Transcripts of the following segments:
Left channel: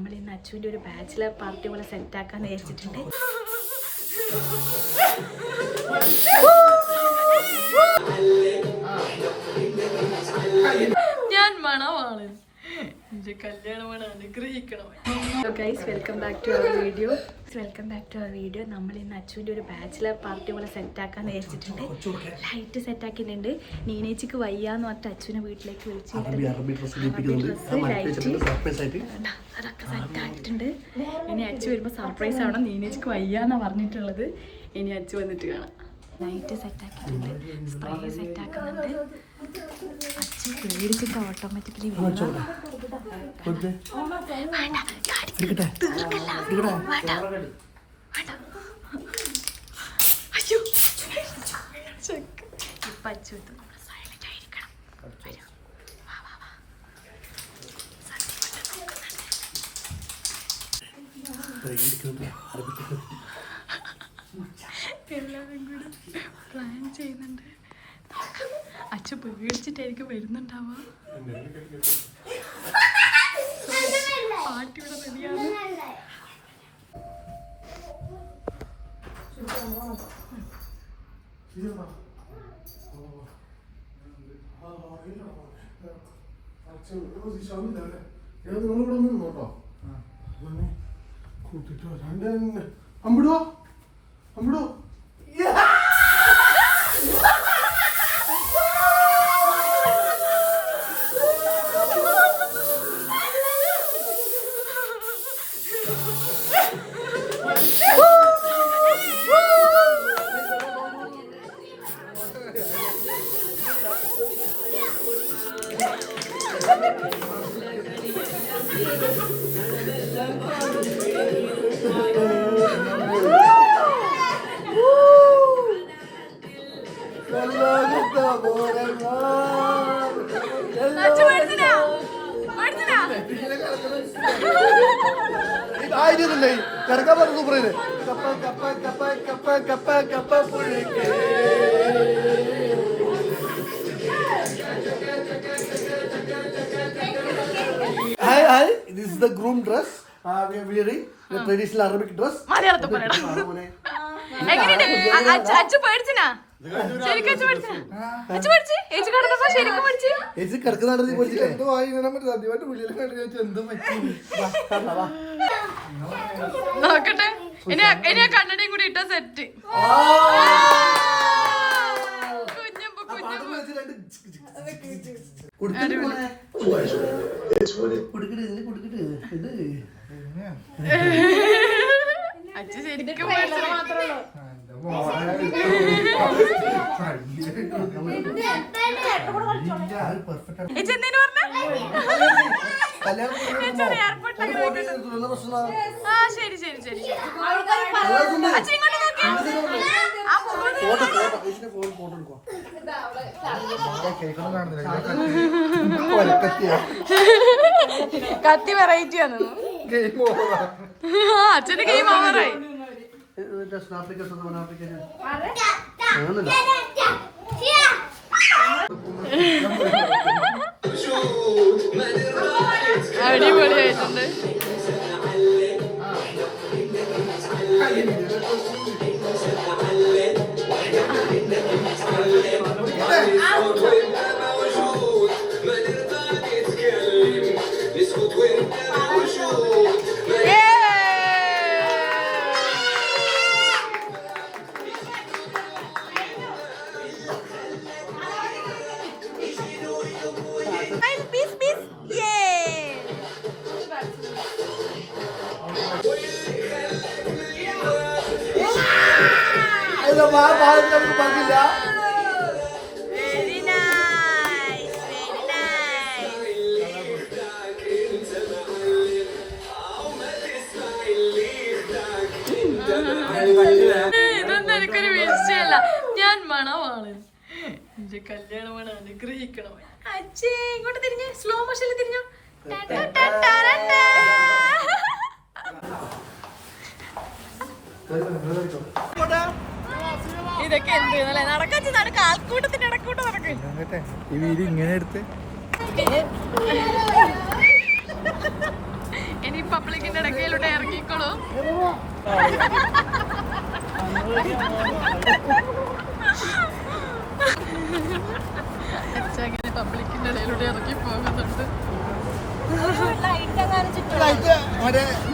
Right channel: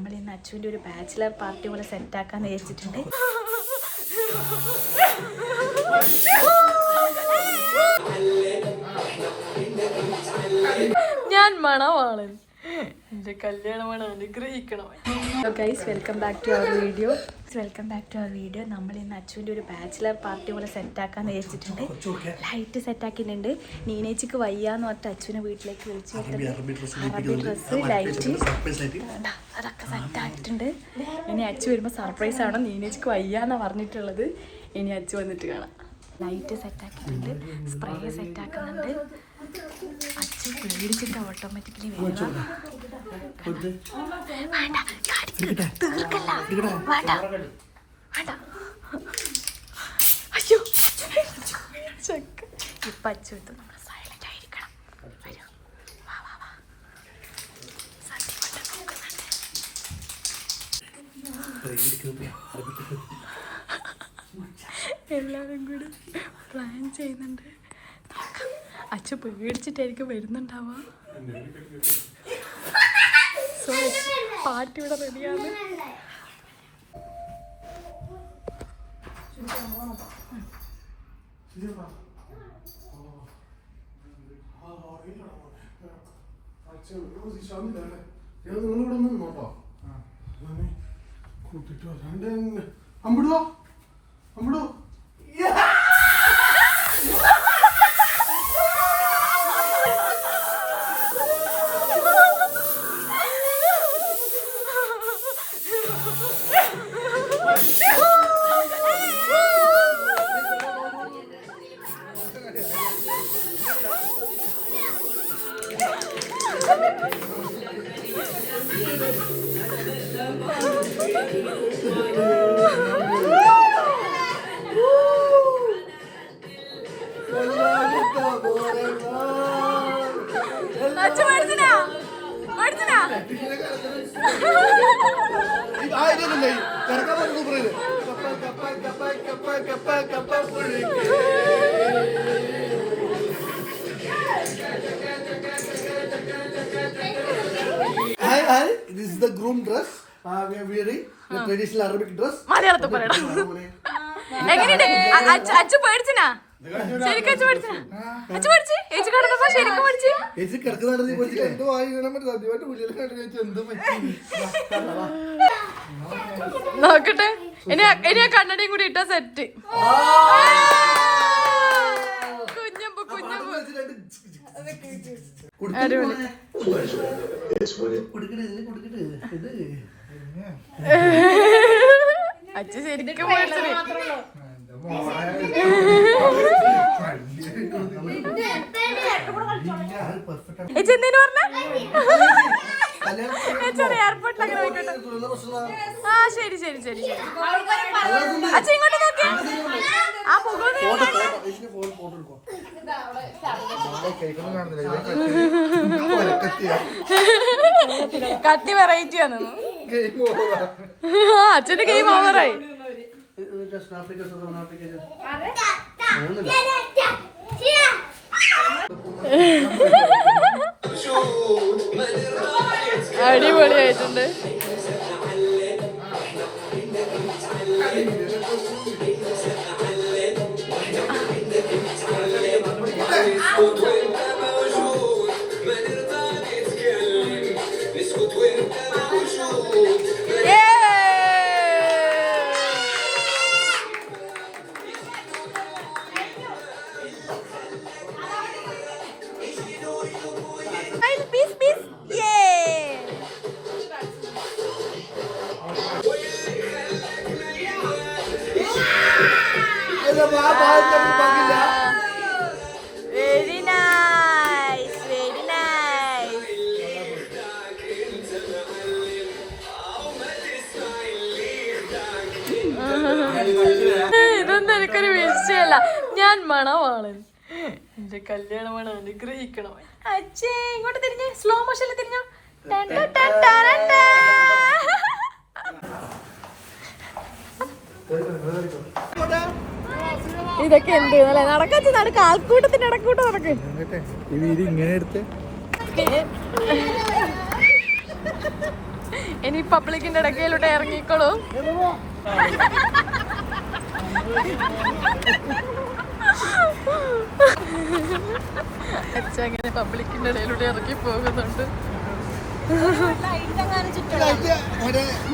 നമ്മൾ ഇന്ന് അച്ചുവിൻ്റെ ഒരു ബാച്ചിലർ പാർട്ടി പോലെ സെറ്റാക്കാന്ന് വിചാരിച്ചിട്ടുണ്ട്. ഞാൻ മണവാളൻ, എൻ്റെ കല്യാണമാണ്, അനുഗ്രഹിക്കണം. Hello guys, welcome back to our video. നമ്മൾ ഇന്ന് അച്ചുവിൻ്റെ ഒരു ബാച്ചിലർ പാർട്ടി പോലെ സെറ്റാക്കാന്ന് വിചാരിച്ചിട്ടുണ്ട്. ലൈറ്റ് സെറ്റാക്കിയിട്ടുണ്ട്. നീനേച്ചിക്ക് വയ്യാന്ന് പറഞ്ഞിട്ട് അച്ചുവിനെ വീട്ടിലേക്ക് വിളിച്ചു ഡ്രസ്സ്, ലൈറ്റ് അതൊക്കെ സെറ്റാക്കിയിട്ടുണ്ട്. ഇനി അച്ചു വരുമ്പോൾ സർപ്രൈസ് ആവണം. നീനേച്ചിക്ക് വയ്യാന്നാണ് പറഞ്ഞിട്ടുള്ളത്. ഇനി അച്ചു വന്നിട്ട് കാണാം. ലൈറ്റ് സെറ്റാക്കിയിട്ടുണ്ട്, സ്പ്രേ സെറ്റാക്കുന്നുണ്ട്. അച്ചു പേടിച്ചിട്ട് ഓട്ടോമാറ്റിക്കലി വരും. തീർക്കല്ല, വേണ്ട വേണ്ട. അയ്യോ ചെക്ക് ഇപ്പം അച്ചു എത്തും. നമ്മൾ സൈലന്റ് ആയിരിക്കണം. വരൂ, വാ വാ വാ. സത്യം നോക്കുന്നുണ്ട്. എല്ലാവരും കൂടി പ്ലാൻ ചെയ്യുന്നുണ്ട്. അച്ഛൻ പേടിച്ചിട്ടായിരിക്കും വരുന്നുണ്ടാവുക. സോ പാർട്ടി ഇവിടെ റെഡിയാണ്. അമ്പിടോ അമ്പിടോ Hi, this is the groom dress. We are wearing the traditional Arabic dress. മലയാളത്തിൽ പറയണം. എങ്ങനെയുണ്ട് അച്ചു? പേടിച്ചിനാ? ശരിക്കും അച്ചു പേടിച്ചിനാ? അച്ചു പേടിച്ച്? ഏച്ചി കിടന്നപ്പോ ശരിക്കും പേടിച്ച്? ഏച്ചി കിടക്കുന്നുണ്ടെങ്കിൽ പേടിച്ചിട്ട് എന്തോ വായിക്കണം. ആദ്യമായിട്ട് പുള്ളിയെ കണ്ടു എന്തോ പറ്റി. നോക്കട്ടെ, ഇനി ആ കണ്ണടയും കൂടി ഇട്ട സെറ്റ്. കുഞ്ഞമ്പു കുഞ്ഞമ്പു അച്ഛ ശരിക്കും പേടിച്ചത്. എന്തേനു പറഞ്ഞ എയർപോർട്ടിൽ അങ്ങനെ പോയിക്കോട്ടെ. ആ ശരി ശരി ശരി ശരി. അച്ഛ ഇങ്ങോട്ട് നോക്കിയാ ആ കത്തി വെറൈറ്റി ആണ്. അച്ഛന്റെ ഗെയിം ഓവറായി. അടിപൊളിയായിട്ടുണ്ട്. Very nice, very nice. ഇതൊന്നും എനിക്കൊരു വിഷയമല്ല. ഞാൻ മണവാളൻ, എന്റെ കല്യാണമാണ്, അനുഗ്രഹിക്കണം. അച്ഛേ ഇങ്ങോട്ട് തിരിഞ്ഞ് സ്ലോ മോഷനിൽ തിരിഞ്ഞോ. ഇതൊക്കെ എന്ത് നടക്കാത്ത കാൽക്കൂട്ടത്തിന്റെ ഇടക്കൂട്ടം നടക്കും. ഇങ്ങനെ എടുത്ത് ഇനി പബ്ലിക്കിന്റെ ഇടയ്ക്കയിലൂടെ ഇറങ്ങിക്കോളൂ. അച്ഛൻ അങ്ങനെ പബ്ലിക്കിന്റെ ഇടയിലൂടെ ഇറങ്ങി പോകുന്നുണ്ട്.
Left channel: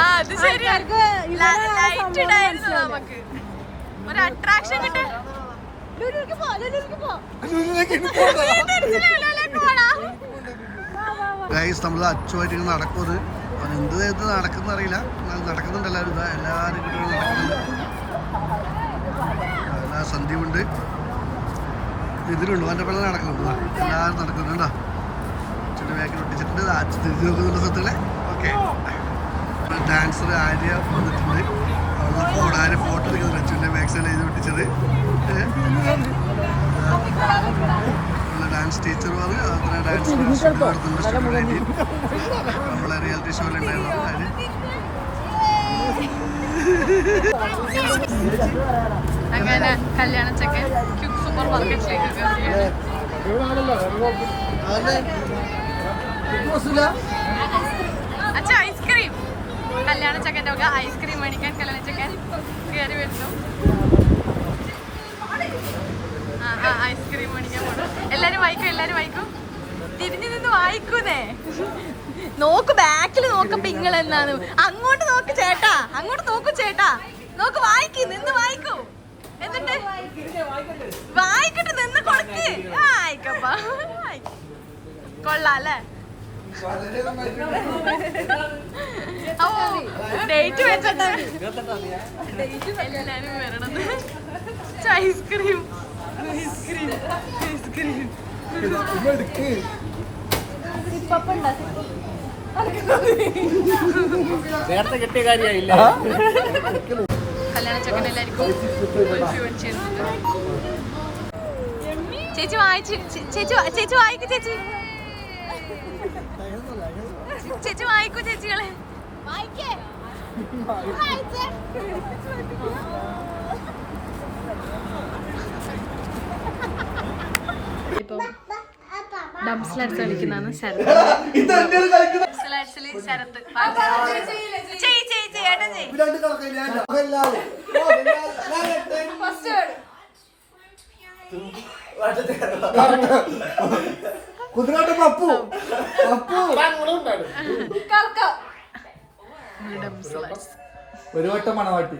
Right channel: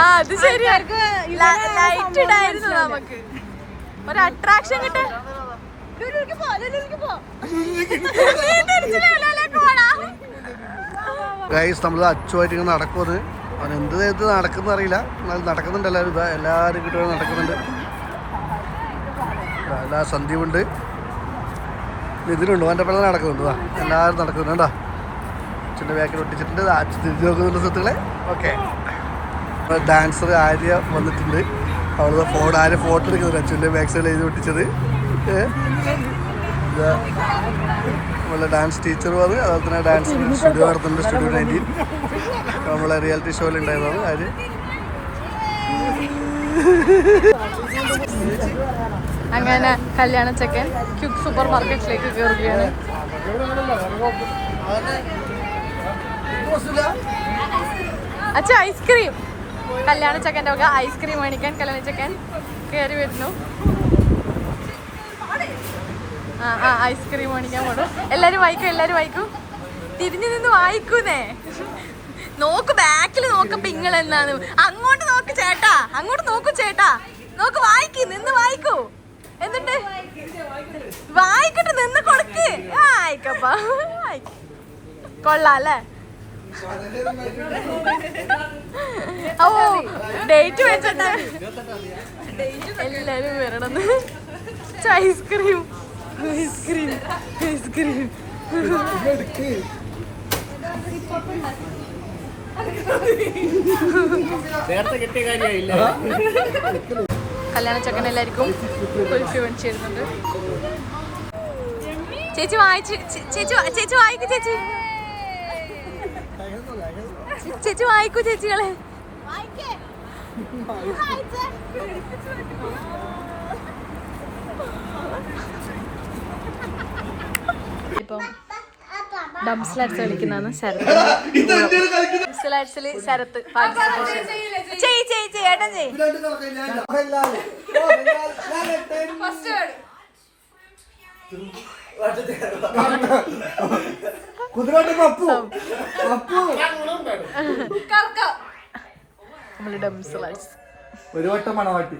ആ അത് ശരിയാ, ലൈറ്റ് ഇടായിരുന്നു നമുക്ക് ഒരു അട്രാക്ഷൻ കിട്ടാൻ. ഗൈസ് നമ്മൾ അച്ചുമായിട്ട് ഇങ്ങനെ നടക്കുന്നത്, അവൻ എന്ത് നേരത്തിൽ നടക്കുന്ന അറിയില്ല, എന്നാലും നടക്കുന്നുണ്ട്. എല്ലാവരും കിട്ടുക നടക്കുന്നുണ്ട്. എല്ലാ സന്ധ്യയുണ്ട്, ഇതിനുണ്ട് അവൻ്റെ പിള്ളേർ നടക്കുന്നുണ്ട്. എല്ലാവരും നടക്കുന്നുണ്ട് കേട്ടോ. അച്ഛൻ്റെ ബാക്കിൽ ഒട്ടിച്ചിട്ടുണ്ട്. അച്ഛൻ തിരിഞ്ഞു നോക്കുന്നുണ്ട് സുഹൃത്തുക്കളെ. ഓക്കെ, ഡാൻസർ ആര്യ വന്നിട്ടുണ്ട്. അവളുടെ ആര്യ ഫോട്ടോ എടുക്കുന്നുണ്ട്. അച്ഛൻ്റെ ബാക്ക് സൈഡിൽ എഴുതി ഒട്ടിച്ചത്. നമ്മളെ ഡാൻസ് ടീച്ചർ വന്ന് അതുപോലെ തന്നെ ഡാൻസ് സ്റ്റുഡിയോ നടത്തുന്നുണ്ട്. സ്റ്റുഡിയോ 19 നമ്മളെ റിയാലിറ്റി ഷോയിൽ ഉണ്ടായിരുന്നത് ആര്. അങ്ങനെ കല്യാണ ചെക്കൻ ക്യുക്ക് സൂപ്പർ മാർക്കറ്റിലേക്ക് കയറുകയാണ്. അച്ഛാ ഐസ്ക്രീം, കല്യാണ ചെക്കൻ്റെ വക ഐസ്ക്രീം മേടിക്കാൻ കല്യാണ ചെക്കൻ കയറി വരുന്നു. ഐസ്ക്രീം മേടിക്കാൻ പോടും. എല്ലാരും വായിക്കും. തിരിഞ്ഞു നിന്ന് വായിക്കൂന്നേ. നോക്ക് ബാക്കിൽ നോക്കപ്പോ ഇങ്ങളെന്നാണ്. അങ്ങോട്ട് നോക്ക് ചേട്ടാ, അങ്ങോട്ട് നോക്കൂ ചേട്ടാ. നോക്ക് വായിക്ക്, നിന്ന് വായിക്കൂ. എന്നിട്ട് വായിക്കട്ടെ, നിന്ന് കൊടുക്ക്. വായിക്കപ്പാ, കൊള്ളാല്ലേ? ഓ ഡേറ്റ് വെച്ചിട്ട് എല്ലാരും വരണം. ഐസ്ക്രീം ഐസ്ക്രീം ഐസ്ക്രീം കല്യാണ ചക്കൻ എല്ലാവർക്കും കുൽഫി മേടിച്ചിരുന്നുണ്ട്. ചേച്ചി വായിച്ചു, ചേച്ചി വായിക്കൂ. ചേച്ചി വായിക്കൂ ചേച്ചികളെ. ഇപ്പം ഡംസ്ലാറ്റ്സ് കളിക്കുന്നതാണ് ശരത്. ഡംസ്ലാറ്റ്സില് ശരത്ത് ഏട്ടൻ ചെയ്. നമ്മള് ഡംസ്ലാറ്റ്സ് ഒരു വട്ടം മണവാട്ടി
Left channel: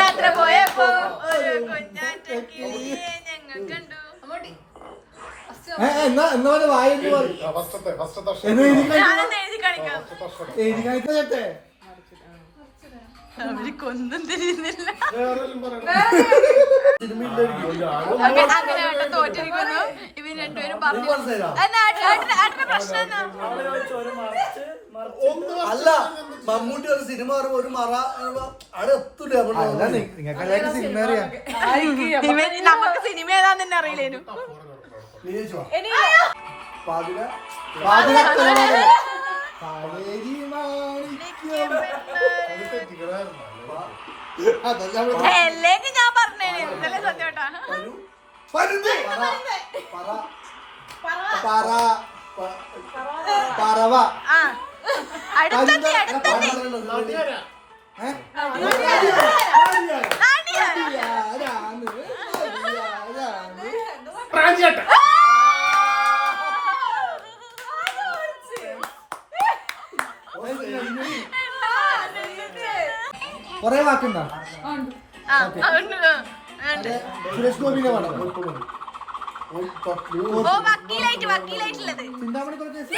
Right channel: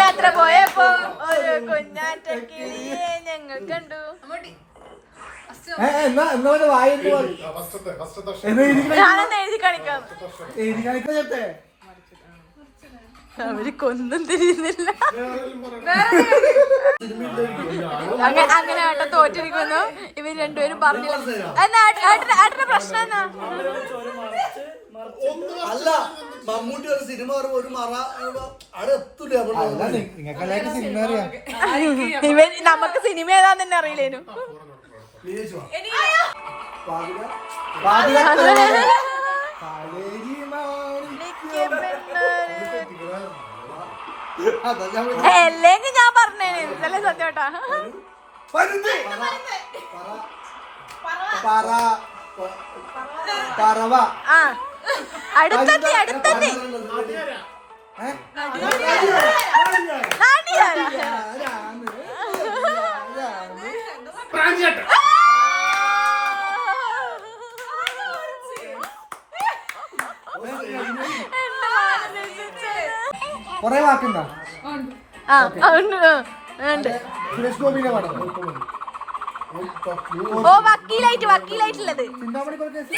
യാത്ര പോയപ്പോ ഒരു കുഞ്ഞാറ്റക്കിളിയെ ഞങ്ങൾ കണ്ടു. ഞാനെന്ന് എഴുതി കാണിക്കാം. അവര് കൊന്നും തിരിയുന്നില്ല. അങ്ങനെ ഏട്ടൻ തോറ്റിരിക്കുന്നു. ഇവര് രണ്ടുപേരും പറഞ്ഞു. ഏട്ടന്റെ പ്രശ്നം എന്നാ? അല്ല, മമ്മൂട്ടി ഒരു സിനിമ ഒരു മറ അവിടെ എത്തൂല. ഇവൻ നമുക്ക് സിനിമ ഏതാന്ന് തന്നെ അറിയില്ലേനു. അല്ലെങ്കിൽ ഞാൻ പറഞ്ഞേനെ ഇതല്ലേ സത്യോട്ടാ. ആ അടുത്തെത്തി കൊറേ വാക്കുണ്ടോ? സുരേഷ് ഗോപിന്റെ പടം. ഓ വക്കീലായിട്ടുള്ളത്. ചിന്താമണി കേസ്.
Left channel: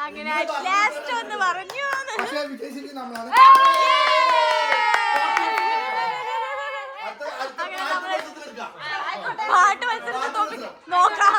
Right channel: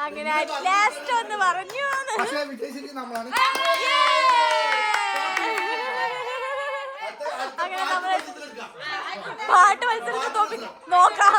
അങ്ങനെ ലാസ്റ്റ് ഒന്ന് പറഞ്ഞു പക്ഷേ വിജയിച്ചിട്ട് നമ്മളാണ്. അങ്ങനെ നമ്മള് പാട്ട് മത്സരത്തിൽ നോക്കാം